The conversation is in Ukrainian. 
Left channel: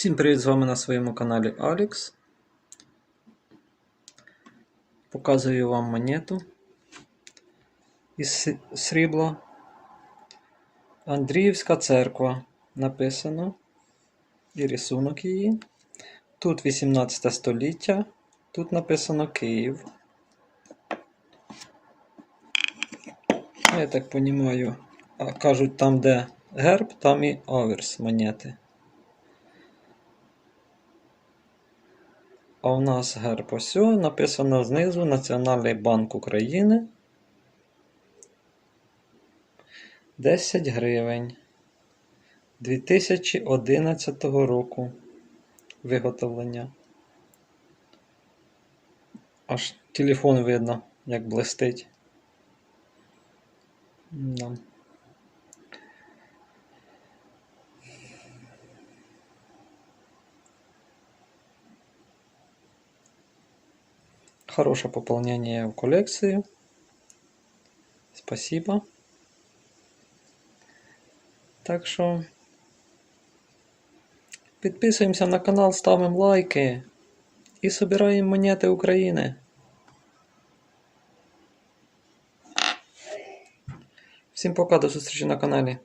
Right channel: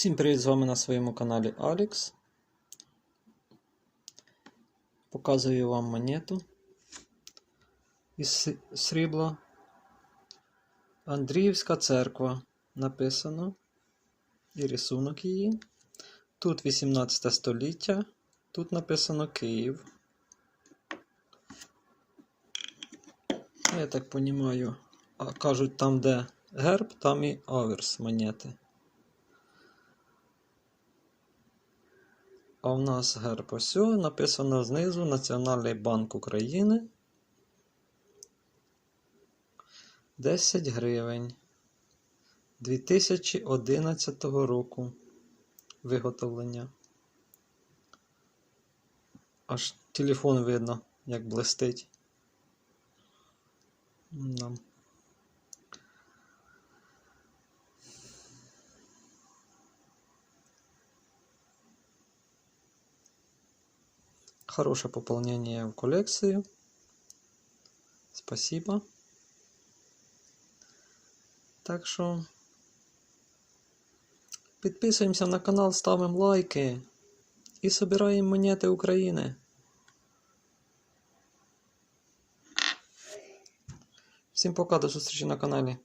Всім привіт з вами на своєму каналі Алікс. Показую вам монету із срібла. Андріївська церква написано. І рисунок її. Тут 18 століття. Тут написано Київ. Я так розумію, кажуть, там, де герб, там і аверс монети. А у нас герб ось написано знизу Національний банк України. 10 гривень 2011 року виготовлення. Аж телефон видно, як блистить. Да. Хорошее пополнение в коллекцию. Спасибо. Так що підписуємося на канал, ставимо лайки і собираємо монети України. Всім пока, до зустрічі на каналі.